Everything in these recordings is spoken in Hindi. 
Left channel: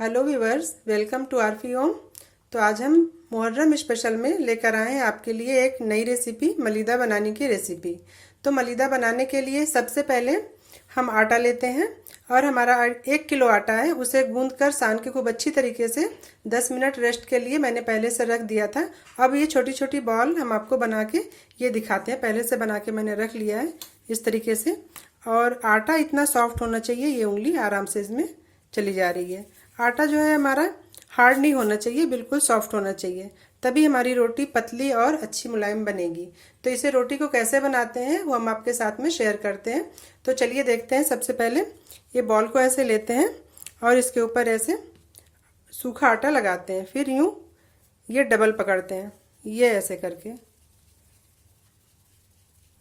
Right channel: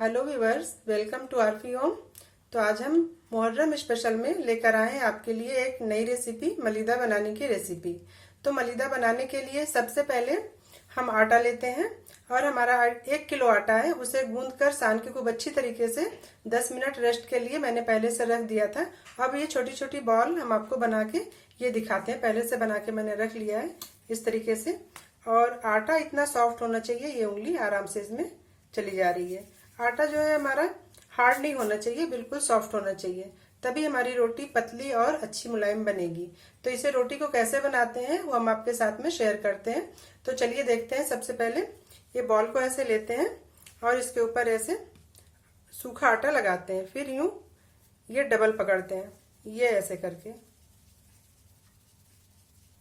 हेलो व्यूवर्स, वेलकम टू आरफी होम। तो आज हम मुहर्रम स्पेशल में लेकर आए हैं आपके लिए एक नई रेसिपी, मलीदा बनाने की रेसिपी। तो मलीदा बनाने के लिए सबसे पहले हम आटा लेते हैं और हमारा 1 किलो आटा है, उसे गूंद कर सान के खूब अच्छी तरीके से 10 मिनट रेस्ट के लिए मैंने पहले से रख दिया था। अब ये छोटी छोटी बॉल हम आपको बना के ये दिखाते हैं। पहले से बना के मैंने रख लिया है इस तरीके से। और आटा इतना सॉफ्ट होना चाहिए, ये उंगली आराम से इसमें चली जा रही है। आटा जो है हमारा हार्ड नहीं होना चाहिए, बिल्कुल सॉफ्ट होना चाहिए, तभी हमारी रोटी पतली और अच्छी मुलायम बनेगी। तो इसे रोटी को कैसे बनाते हैं वो हम आपके साथ में शेयर करते हैं। तो चलिए देखते हैं। सबसे पहले ये बॉल को ऐसे लेते हैं और इसके ऊपर ऐसे सूखा आटा लगाते हैं, फिर यूं ये डबल पकड़ते हैं, ये ऐसे करके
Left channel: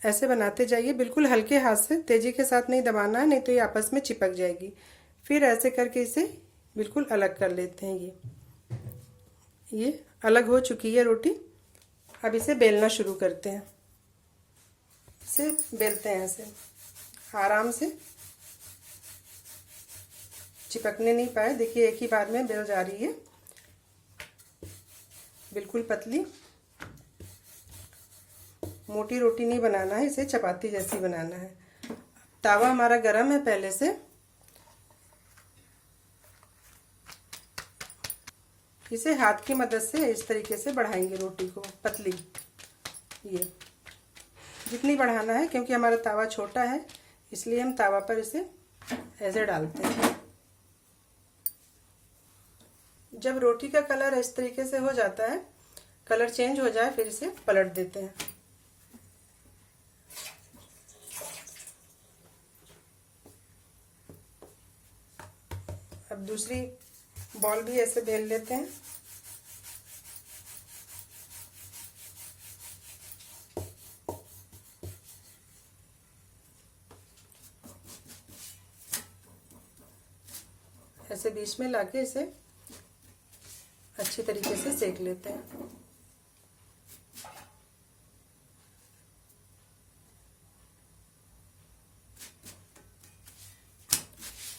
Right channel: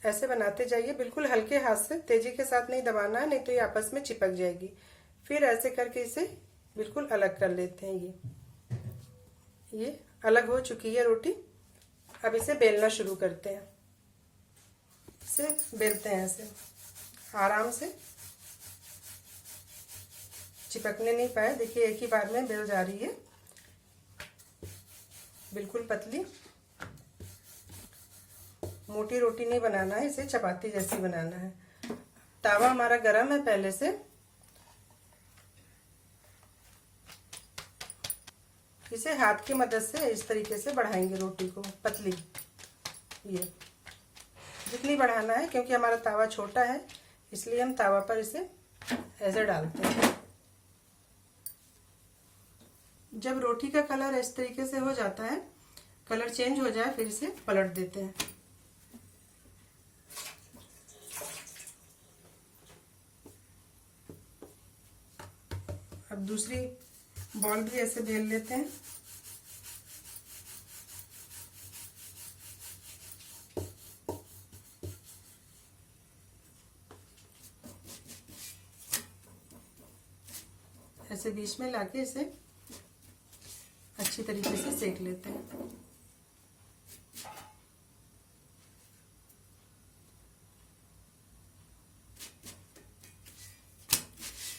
ऐसे बनाते जाइए, बिल्कुल हल्के हाथ से, तेजी के साथ नहीं दबाना है, नहीं तो ये आपस में चिपक जाएगी। फिर ऐसे करके इसे बिल्कुल अलग कर लेते हैं। ये अलग हो चुकी है रोटी। अब इसे बेलना शुरू करते हैं। इसे बेलते हैं ऐसे आराम से, चिपकने नहीं पाए। देखिए एक ही बार में बेल जा रही है, बिल्कुल पतली। मोटी रोटी नहीं बनाना है, इसे चपाती जैसी बनाना है। तावा हमारा गरम है पहले से। इसे हाथ की मदद से इस तरीके से बढ़ाएंगे रोटी को पतली। ये जितनी बढ़ाना है, क्योंकि हमारा तावा छोटा है इसलिए हम तावा पर इसे ऐसे डालते हैं। जब रोटी का कलर इस तरीके से हो जाता है, कलर चेंज हो जाए, फिर इसे पलट देते हैं। अब दूसरी बॉल भी ऐसे बेल लेते हैं। ऐसे बीच में लाके इसे अच्छी तरीके से सेक लेते हैं।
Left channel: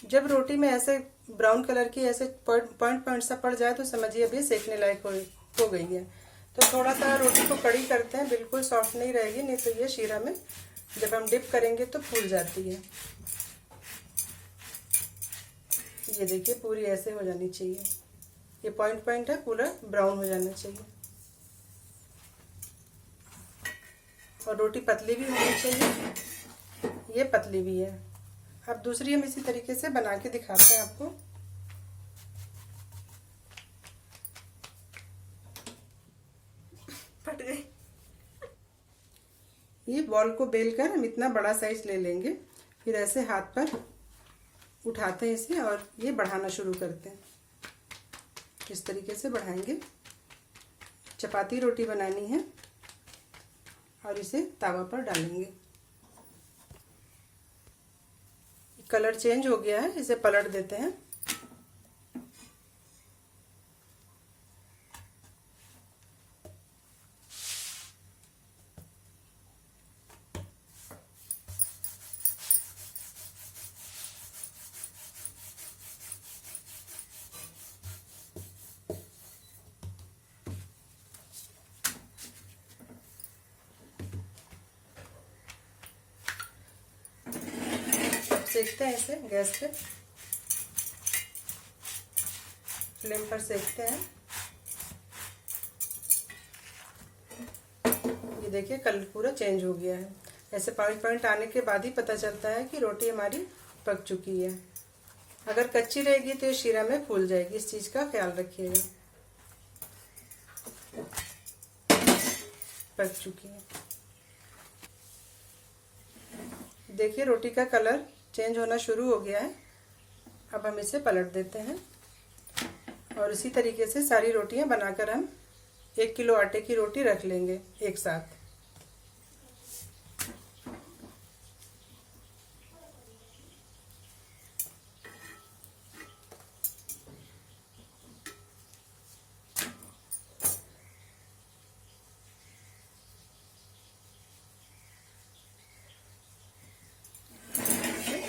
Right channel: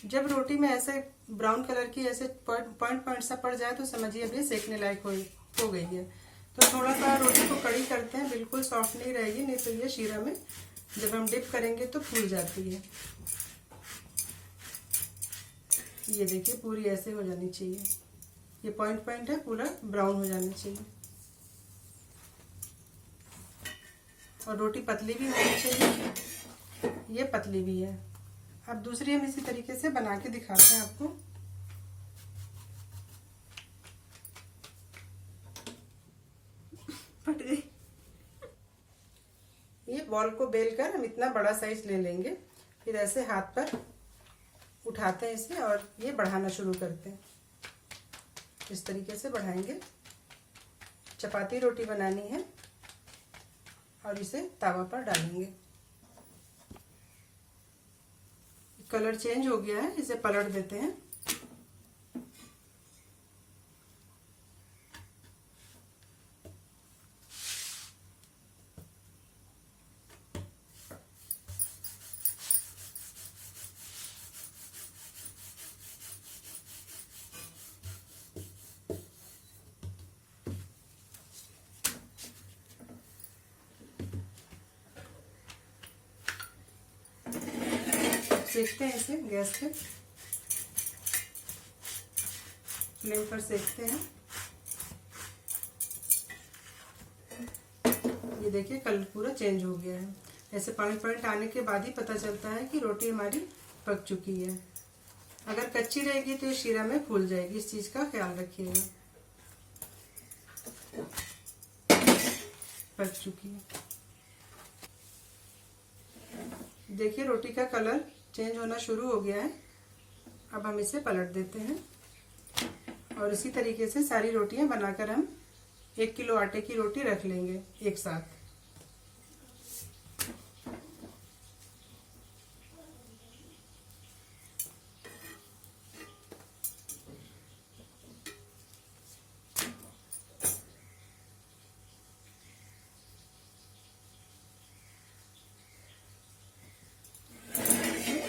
जब रोटी में ऐसे ब्राउन कलर की ऐसे पॉइंट सा पड़ जाए तो समझिए अब ये सेकने लायक हो गई है। तो थोड़ा सा रोटी को कड़ी करते हैं, बिल्कुल सॉफ्ट नहीं रहेगी, नहीं तो ये शीरा में जब हम डिप करेंगे तो फूल जाती है। ये देखिए पूरी ऐसे हो जानी चाहिए, ये पॉइंट है, पूरा ब्राउन हो जाना चाहिए। और रोटी पतली भी होनी चाहिए, ये पतली भी है। अब दूसरी हम इसी तरीके से बना के दिखाते हैं आपको। फट गई। ये बॉल को बेलकर हम इतना बड़ा साइज ले लेंगे, फिर ऐसे हाथ पर उठाते हैं इसे और ये बढ़ाना शुरू करते हैं। इस तरीके से बढ़ाएंगे। चपाती रोटी बनानी है और इसे तावा पर डालेंगे। कलर चेंज हो गया है, इसे पलट देते हैं। सेकते हैं इसे गैस पे, फ्लेम पर सेकते हैं। ये देखिए कलर पूरा चेंज हो गया है। ऐसे पॉइंट आने के बाद ही पता चलता है कि रोटी हमारी पक चुकी है। अगर कच्ची रहेगी तो ये शीरा में फूल जाएगी, इस चीज का ख्याल रखिएगा। पक चुकी है। देखिए रोटी का कलर चेंज होना शुरू हो गया है। अब हम इसे पलट देते हैं और इसी तरीके से सारी रोटियां बनाकर हम 1 किलो आटे की रोटी रख लेंगे एक साथ।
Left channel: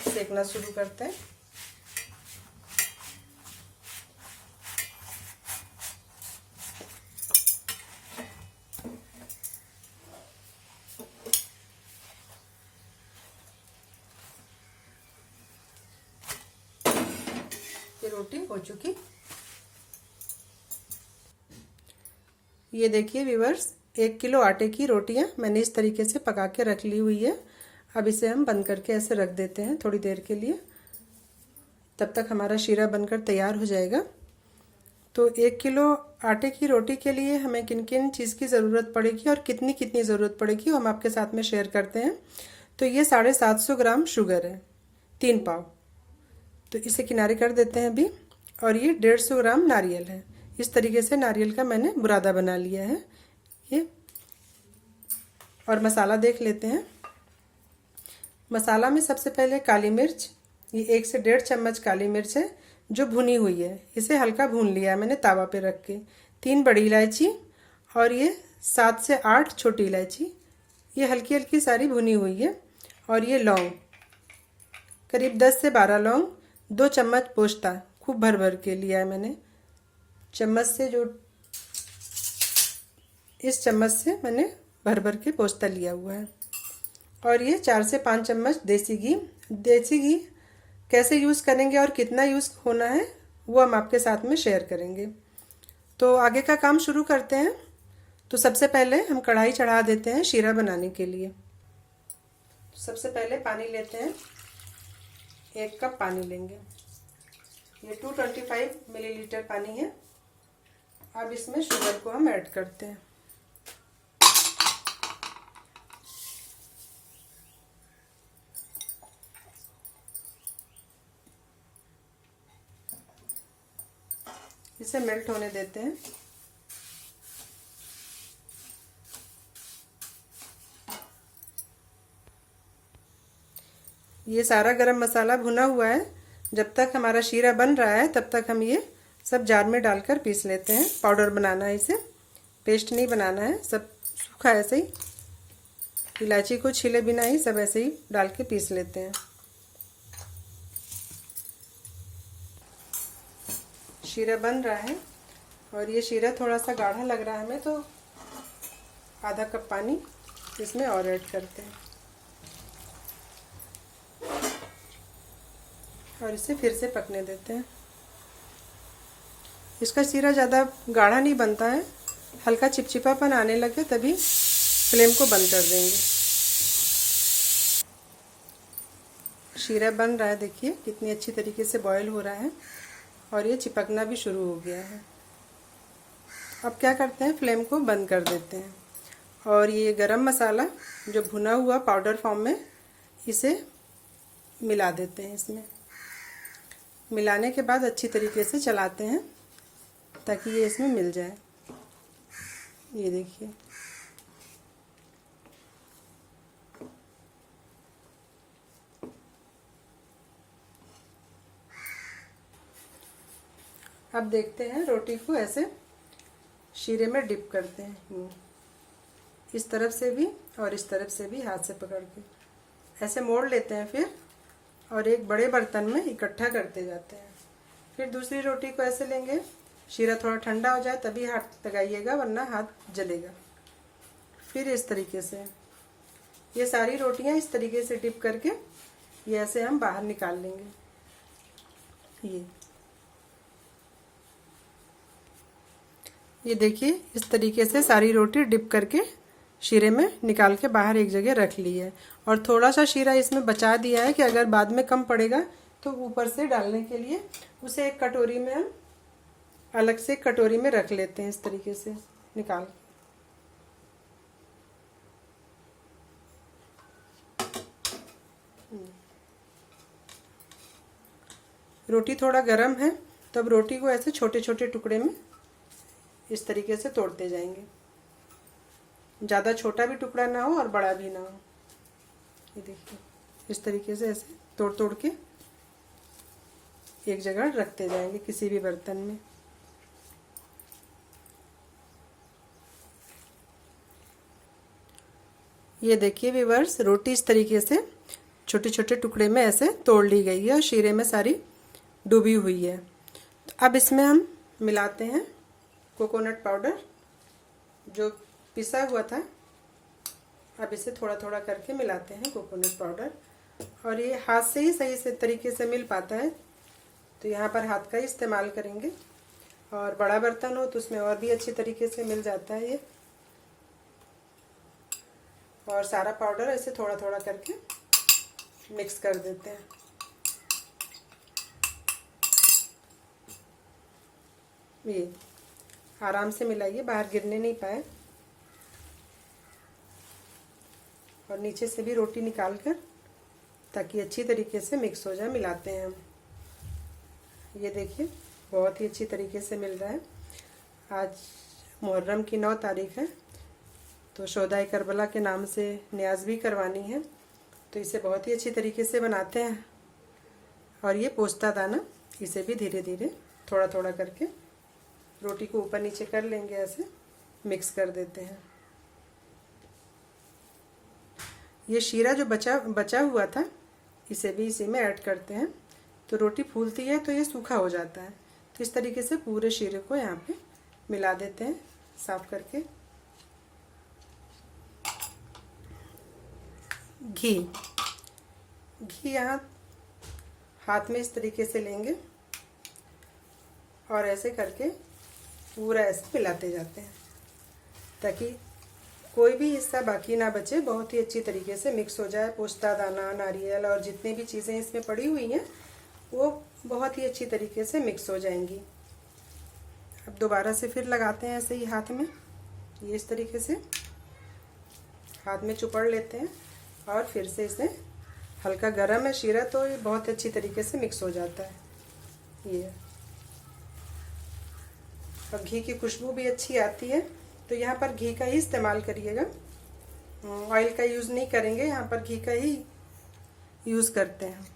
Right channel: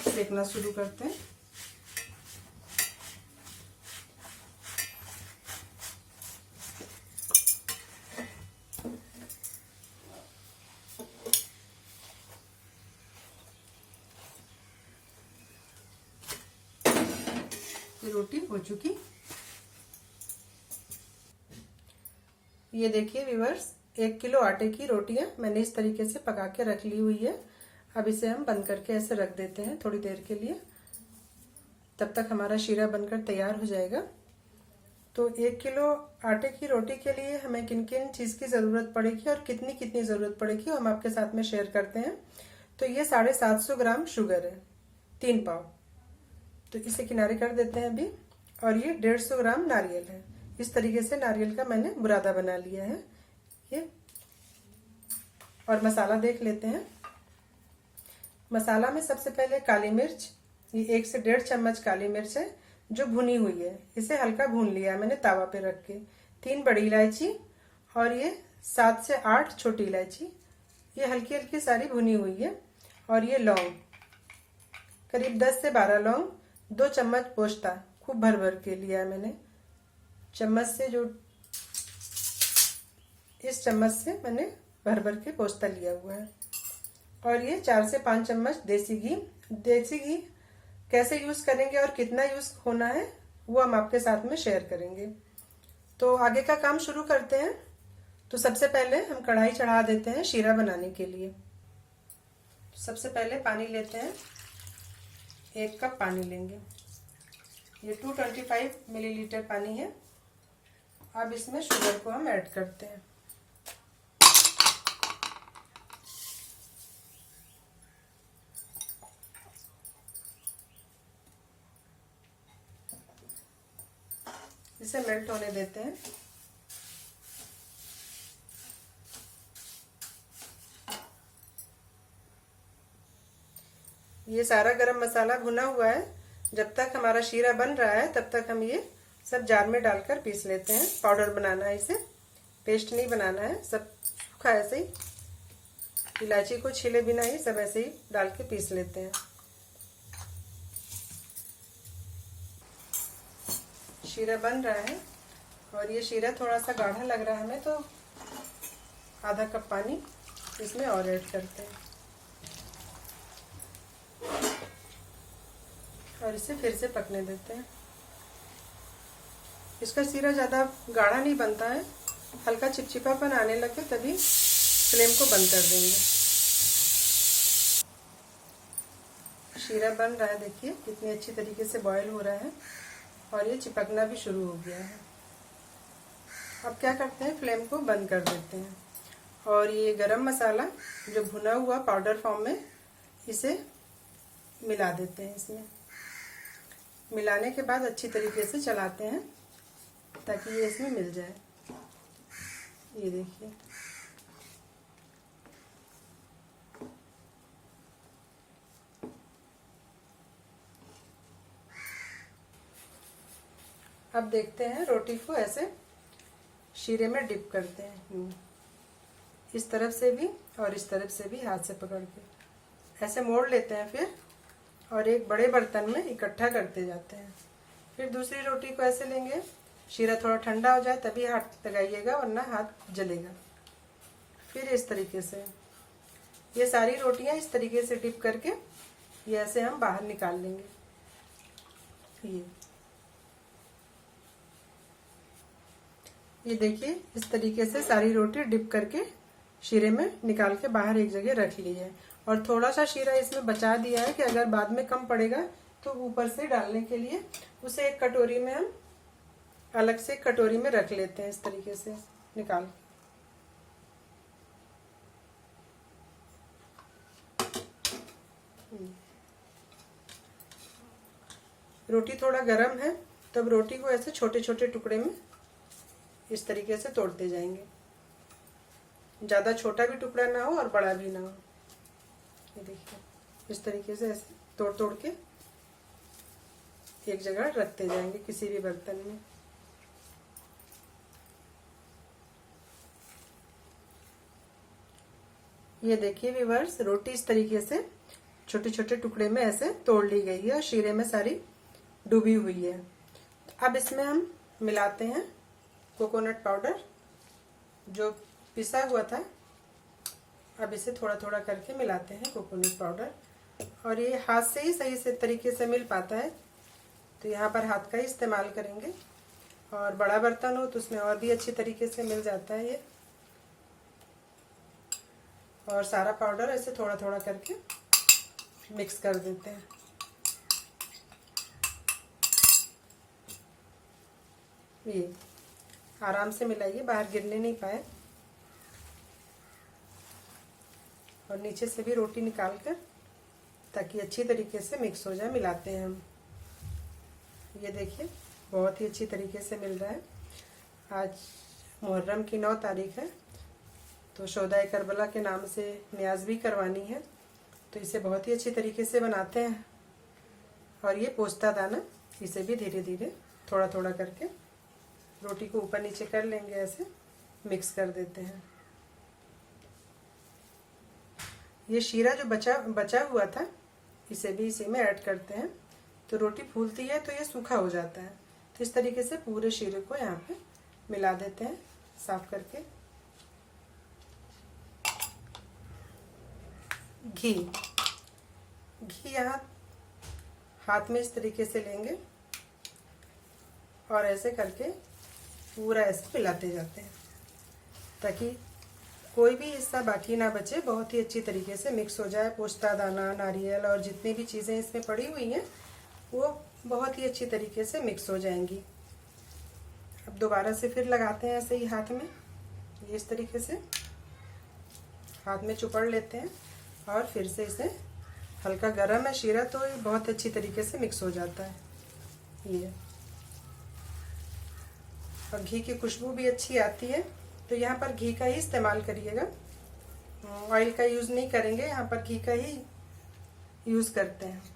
सेकना शुरू करते हैं। आपकी रोटी हो चुकी। ये देखिए व्यूअर्स, 1 किलो आटे की रोटियां मैंने इस तरीके से पका के रख ली हुई है। अब इसे हम बंद करके ऐसे रख देते हैं थोड़ी देर के लिए, तब तक हमारा शीरा बनकर तैयार हो जाएगा। तो 1 किलो आटे की रोटी के लिए हमें किन किन चीज़ की ज़रूरत पड़ेगी और कितनी कितनी ज़रूरत पड़ेगी हम आपके साथ में शेयर करते हैं। तो ये 750 ग्राम शुगर है, 3 पाव। तो इसे किनारे कर देते हैं अभी। और ये 150 ग्राम नारियल है। इस तरीके से नारियल का मैंने बुरादा बना लिया है ये। और मसाला देख लेते हैं। मसाला में सबसे पहले काली मिर्च, ये 1 से 1.5 चम्मच काली मिर्च है जो भुनी हुई है। इसे हल्का भून लिया है मैंने तावा पे रख के। 3 बड़ी इलायची और ये 7 से 8 छोटी इलायची, ये हल्की हल्की सारी भुनी हुई है। और ये लौंग, करीब 10 से 12 लौंग, 2 चम्मच पोस्ता, खूब भर भर के लिया है मैंने। चम्मच से जो इस चम्मच से मैंने भर भर के पोस्ता लिया हुआ है। और ये 4 से 5 चम्मच देसी घी। देसी घी कैसे यूज़ करेंगे और कितना यूज़ होना है वो हम आपके साथ में शेयर करेंगे। तो आगे का काम शुरू करते हैं। तो सबसे पहले हम कढ़ाई चढ़ा देते हैं शीरा बनाने के लिए। सबसे पहले पानी लेते हैं, 1 कप पानी लेंगे। ये 225 मिलीलीटर पानी है। अब इसमें शुगर को हम ऐड करते हैं। इसे मेल्ट होने देते हैं। ये सारा गरम मसाला भुना हुआ है। जब तक हमारा शीरा बन रहा है तब तक हम ये सब जार में डालकर पीस लेते हैं। पाउडर बनाना है इसे, पेस्ट नहीं बनाना है। सब सूखा ऐसे ही, इलायची को छीले बिना ही सब ऐसे ही डाल के पीस लेते हैं। शीरा बन रहा है और ये शीरा थोड़ा सा गाढ़ा लग रहा है हमें, तो आधा कप पानी इसमें और ऐड करते हैं और इसे फिर से पकने देते हैं। इसका शीरा ज़्यादा गाढ़ा नहीं बनता है, हल्का चिपचिपापन आने लगे तभी फ्लेम को बंद कर देंगे। शीरा बन रहा है, देखिए कितनी अच्छी तरीके से बॉयल हो रहा है और ये चिपकना भी शुरू हो गया है। अब क्या करते हैं, फ्लेम को बंद कर देते हैं और ये गरम मसाला जो भुना हुआ पाउडर फॉर्म में, इसे मिला देते हैं। इसमें मिलाने के बाद अच्छी तरीके से चलाते हैं ताकि ये इसमें मिल जाए। ये देखिए, अब देखते हैं रोटी को ऐसे शीरे में डिप करते हैं, इस तरफ से भी और इस तरफ से भी हाथ से पकड़ के ऐसे मोड़ लेते हैं फिर, और एक बड़े बर्तन में इकट्ठा करते जाते हैं। फिर दूसरी रोटी को ऐसे लेंगे, शीरा थोड़ा ठंडा हो जाए तभी हाथ लगाइएगा वरना हाथ जलेगा। फिर इस तरीके से ये सारी रोटियां इस तरीके से डिप करके ये ऐसे हम बाहर निकाल लेंगे। ये देखिए, इस तरीके से सारी रोटी डिप करके शीरे में निकाल के बाहर एक जगह रख ली है। और थोड़ा सा शीरा इसमें बचा दिया है कि अगर बाद में कम पड़ेगा तो ऊपर से डालने के लिए उसे एक कटोरी में हम अलग से कटोरी में रख लेते हैं, इस तरीके से निकाल। रोटी थोड़ा गर्म है तब रोटी को ऐसे छोटे छोटे टुकड़े में इस तरीके से तोड़ते जाएंगे। ज़्यादा छोटा भी टुकड़ा ना हो और बड़ा भी ना हो। ये देखिए, इस तरीके से ऐसे तोड़ तोड़ के एक जगह रखते जाएंगे किसी भी बर्तन में। ये देखिए व्यूअर्स, रोटी इस तरीके से छोटे छोटे टुकड़े में ऐसे तोड़ ली गई है और शीरे में सारी डूबी हुई है। तो अब इसमें हम मिलाते हैं कोकोनट पाउडर जो पिसा हुआ था। अब इसे थोड़ा थोड़ा करके मिलाते हैं कोकोनट पाउडर, और ये हाथ से ही सही से तरीके से मिल पाता है तो यहाँ पर हाथ का ही इस्तेमाल करेंगे। और बड़ा बर्तन हो तो उसमें और भी अच्छी तरीके से मिल जाता है ये। और सारा पाउडर ऐसे थोड़ा थोड़ा करके मिक्स कर देते हैं। ये आराम से मिलाइए, बाहर गिरने नहीं पाए। और नीचे से भी रोटी निकाल कर, ताकि अच्छी तरीके से मिक्स हो जाए, मिलाते हैं हम। ये देखिए बहुत ही अच्छी तरीके से मिल रहा है। आज मुहर्रम की 9 तारीख है, तो शोहदाए करबला के नाम से न्याज भी करवानी है, तो इसे बहुत ही अच्छी तरीके से बनाते हैं। और ये पोस्ता दाना, इसे भी धीरे धीरे थोड़ा थोड़ा करके रोटी को ऊपर नीचे कर लेंगे, ऐसे मिक्स कर देते हैं। ये शीरा जो बचा हुआ था, इसे भी इसी में ऐड करते हैं। तो रोटी फूलती है तो ये सूखा हो जाता है, तो इस तरीके से पूरे शीरे को यहाँ पे मिला देते हैं साफ करके। घी यहाँ हाथ में इस तरीके से लेंगे और ऐसे करके पूरा ऐसे मिलाते जाते हैं, ताकि कोई भी हिस्सा बाकी ना बचे, बहुत ही अच्छी तरीके से मिक्स हो जाए। पोस्ता दाना, नारियल और जितनी भी चीज़ें इसमें पड़ी हुई हैं वो बहुत ही अच्छी तरीके से मिक्स हो जाएंगी। अब दोबारा से फिर लगाते हैं ऐसे ही हाथ में, ये इस तरीके से हाथ में चुपड़ लेते हैं और फिर से इसे, हल्का गरम है शीरा तो ये बहुत अच्छी तरीके से मिक्स हो जाता है ये। और घी की खुशबू भी अच्छी आती है, तो यहाँ पर घी का ही इस्तेमाल करिएगा, ऑयल का यूज़ नहीं करेंगे, यहाँ पर घी का ही यूज़ करते हैं।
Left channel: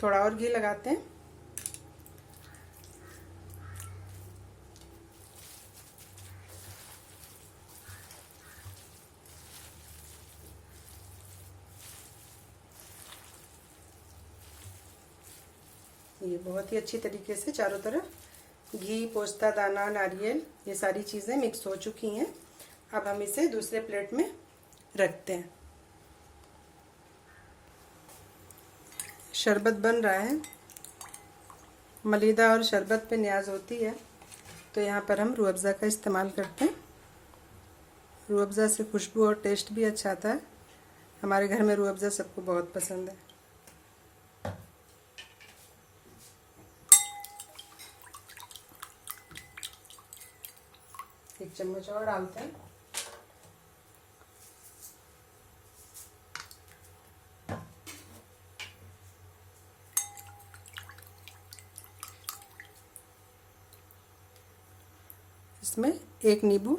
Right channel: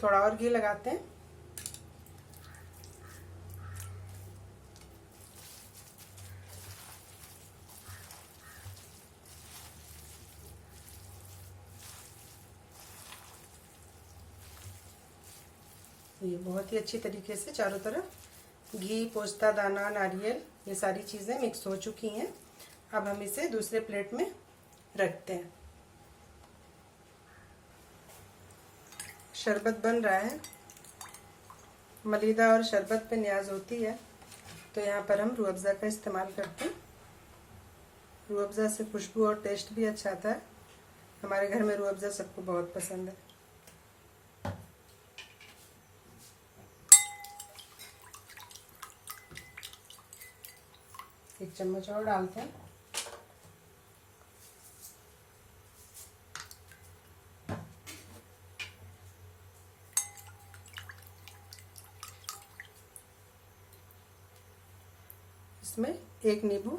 थोड़ा और घी लगाते हैं। ये बहुत ही अच्छी तरीके से चारों तरफ घी, पोस्ता दाना, नारियल, ये सारी चीज़ें मिक्स हो चुकी हैं। अब हम इसे दूसरे प्लेट में रखते हैं। शरबत बन रहा है, मलीदा और शरबत पे न्याज होती है, तो यहाँ पर हम रूह अफ़ज़ा का इस्तेमाल करते हैं। रूह अफ़ज़ा से खुशबू और टेस्ट भी अच्छा आता है। हमारे घर में रूह अफ़ज़ा सबको बहुत पसंद है। एक चम्मच और डालते हैं। इसमें एक नींबू